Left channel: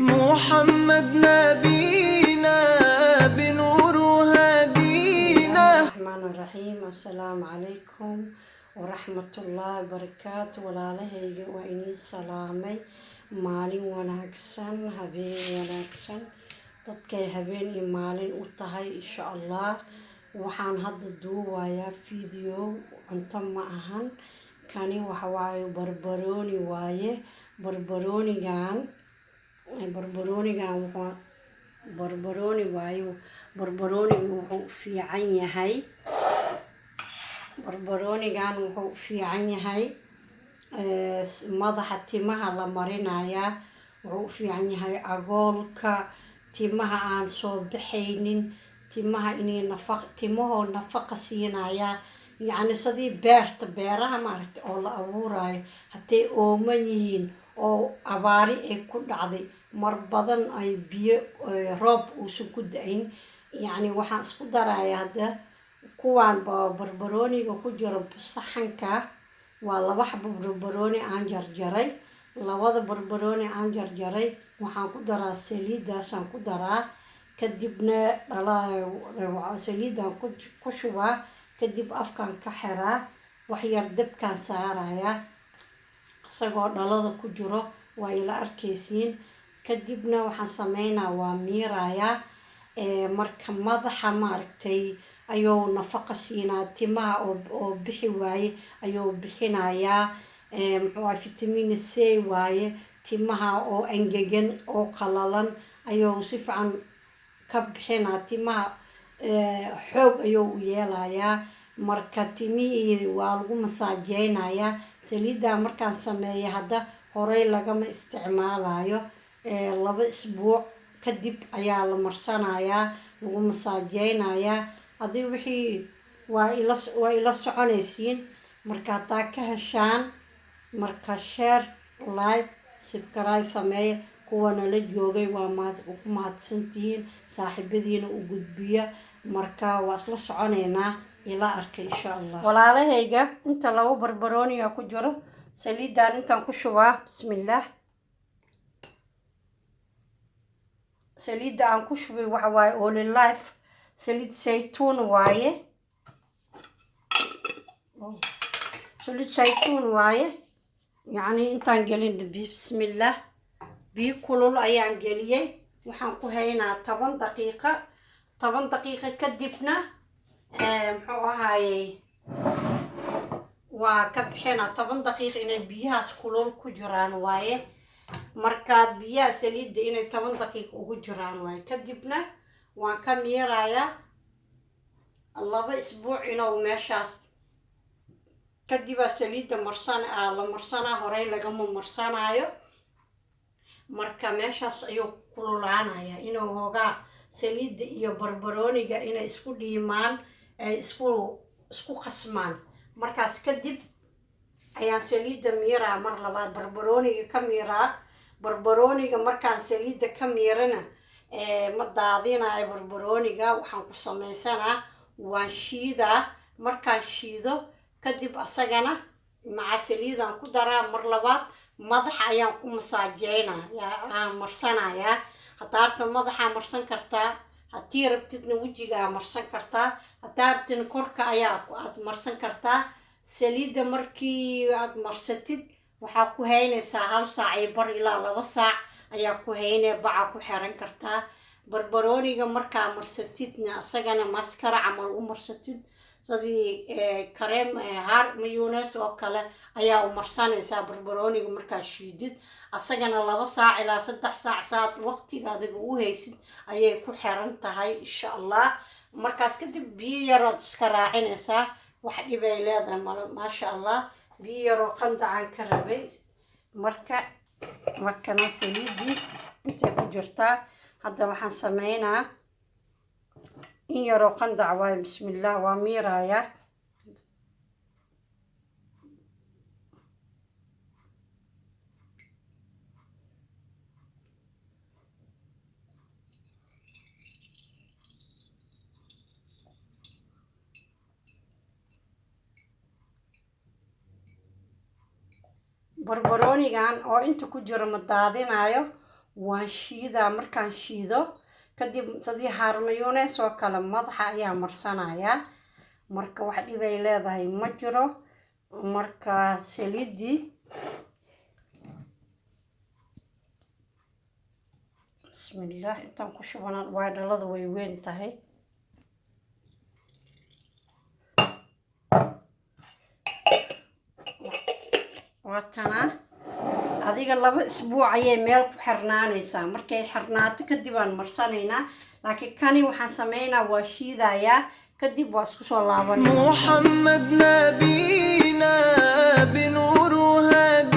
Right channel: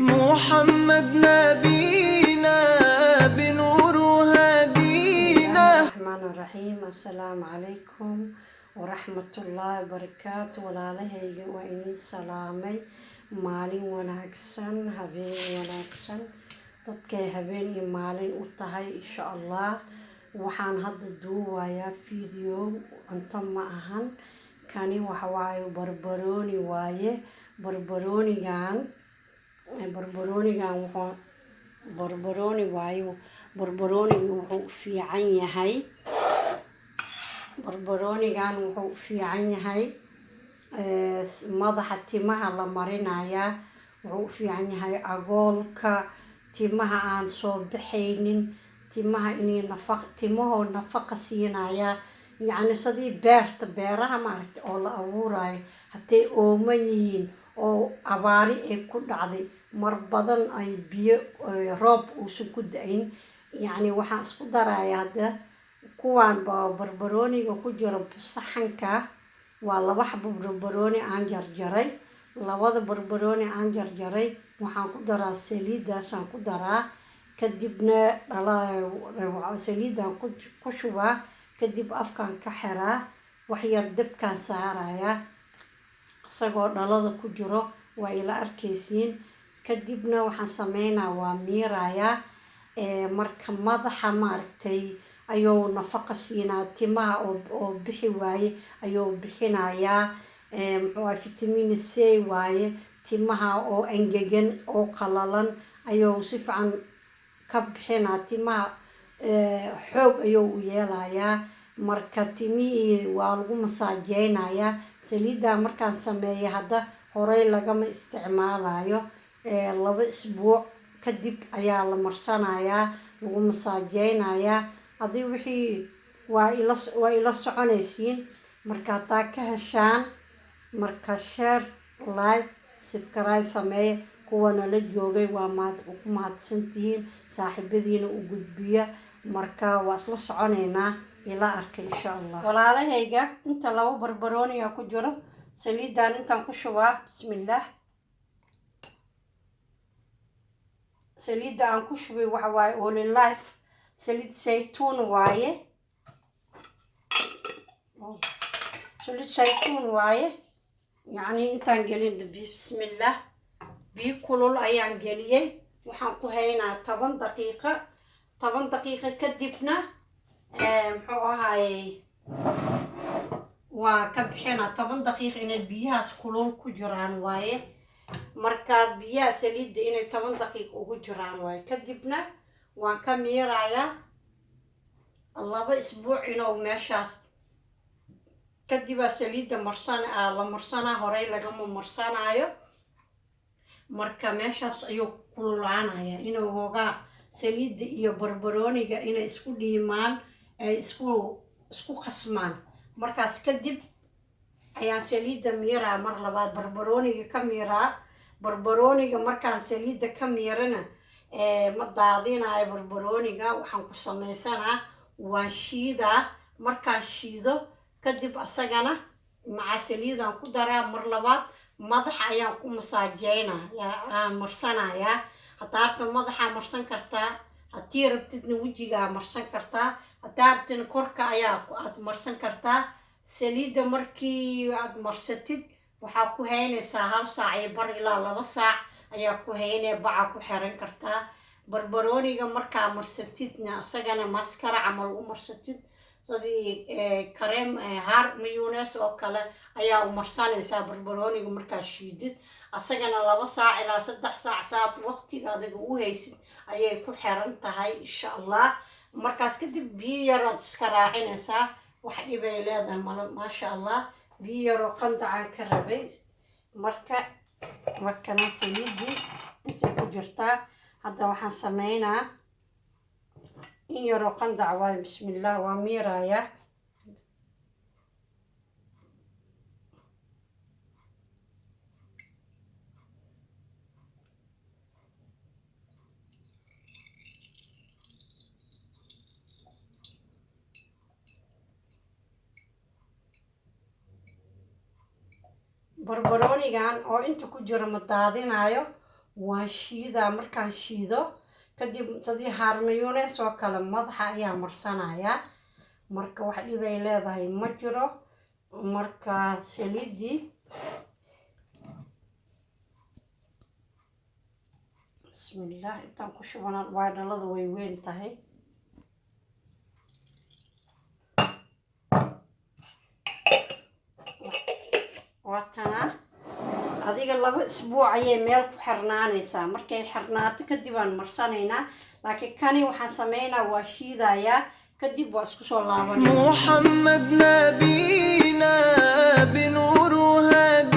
محمد نبينا بنور هدينا. الرحمن الرحيم. السلام عليكم ورحمة الله وبركاته. walaalahayga waa inii salaamay. maalin wanaagsan, habeen wanaagsan, dadkay habeen iyo maalin u tahay insha allah. waxaan hadda duubayaa video cunto ma ahan, kani waxa waaye barbarooni waaye. barbaroonigan wuxuu fiican yahay. barbaroonigan wuxuu fiican yahay madaxa timaha la marinayaa. wuxuu fiican yahay agoolka, timaha aan soo baxaynin, timaha inay timahoo nafaqa siinaya. yacni sidii beeraha maaragtay oo la abuurayo haday ooman yihiin oo abaari ay ku dhacday, mar badan ay biyo roob uusan ku da-in, yacni waxaan isku darayaa hadda kuwaan barbarooniga ku jiro saxanka. waa 2 xabo barbarooni aan jarjaray. labada barbarooni aan jarjaray waxaan ku daraa saliidaasaan ku daraa, kadibna saliidaan ku shubaa, kadib afkaan ka xiraa, wax yar dabkaan saarayaa isagoo dhalada ku jiro, waa ila arkaysiin. kadibna waxaan sameynaa waa miirayaa. marka madaxa maaragtay ayuu nafaqa siinaa, timaha oo bixi waaye ayuu bixinayaa. vitamin C waaye. timaha oo angegan oo qalalan ayuu si fiican ka bixinaa, timaha xoog ayuu u yeelayaa. marka timihii waa lagu masaajeynayaa. saliidda markaan sameeyo hadda horey lagama isticmaalayo, 2 isbuuc kadib ayaa la marsanayaa, lagu masaajeynayaa. haddii wixii waa ila soconaysiin. marka hadaa ka heshaan, marka share, like, subscribe sameeya. kuwana la joogay waa ku mahadsantihiin, saaxiibadiina u gudbiya. marka waa isla soconeynaa, ila arka insha allah. walaalahayga inta 2 barbarooniga ku jiro, saliidaan intaan ku shubaa. bismillaah. saliidda aan ku shubay waxa waaye Olive Life saliid saytuun waaye. saliid saytuun waaye. yacni intaan gelin bismillaah, biyo kulul ayaan geliyey. waxaan ku haynaa 10 daqiiqo. 10 daqiiqo kadibna muxuu ahaayey waa ka bixinaa. 10 daqiiqo inay biyahaas kulul ku jiraan waaye. marka biyaha saliidda inay 10 daqiiqo ugu jiraan waaye. kadibna waan ka miirayaa 2 isbuuc inuu meeshaas. kadibaa saliidda la marsanaa, horey lagama marsanaayo. marka meeshaas ayuu kululaanayaa inuu hoogaa saliidda iyo barbarooniga inay isku dhiimaan, ay isku qasmaan. markaas kadib ayaan saliidda miiraa mar labaad, barbarooniga ka miiraa. barbarooniga markaan saliidda ka miirana ma daadinayo barbarooniga. waxaan ku samaysanaa waan shiidaa. markaan shiido kadib asagana maca saliidaan ku daraa mar labaad. madaxa ayaan ku masaajeynaa, aan marsanayaa. hadaa rabta madaxaa marsan kartaa, haddii rabtidna wejigaa marsan kartaa, hadaa rabtidna korka aad marsan kartaa. saliidda markii aad marsatid waxaa ku haynaysaa 1 saac iyo bar ilaa 2 saac ayaa ku haynaya, baca ku xiran kartaa. barbarooniga markaa marsatidna asagana maskara camal u marsatid, sidii kareem haar mayonnaise oo kale ayaa u marsanaysaa barbarooniga markaa shiidid. asagana 2 saac ilaa 3 saac saad waqtiga adiga u haysid ayay ku xiran tahay insha allah. markaas kadib biyo yarood iska raacinaysaa, wax dhibay leedahay maasha allah. biyo yaroo qandacaan ka rabay. markana saliiddii intay ku jirtaa. hadda waxaan sameynaa in yaroo qandac waayo. bismillaah, waa miirayaa. barbaroonigan oo inta ku jiro ma daadinayo, وشيدا مركان شيدو كدب صدي هارميونة سو كلا مضحى يا مرسنا يا مركا واحد يبي لا ذا مجرو مركا سليدي بسم الله انت كشوفنا واحد الله ذوي وين تهي واتنا هذيك لaba اسبوع ayay meel ku xirnaanaysaa markay xirnaato kadib aan marsanayna laakiin kani waxaan sameeynaa waa shiidaya kadib waa isku soo laabanaa محمد نبينا بنور هادي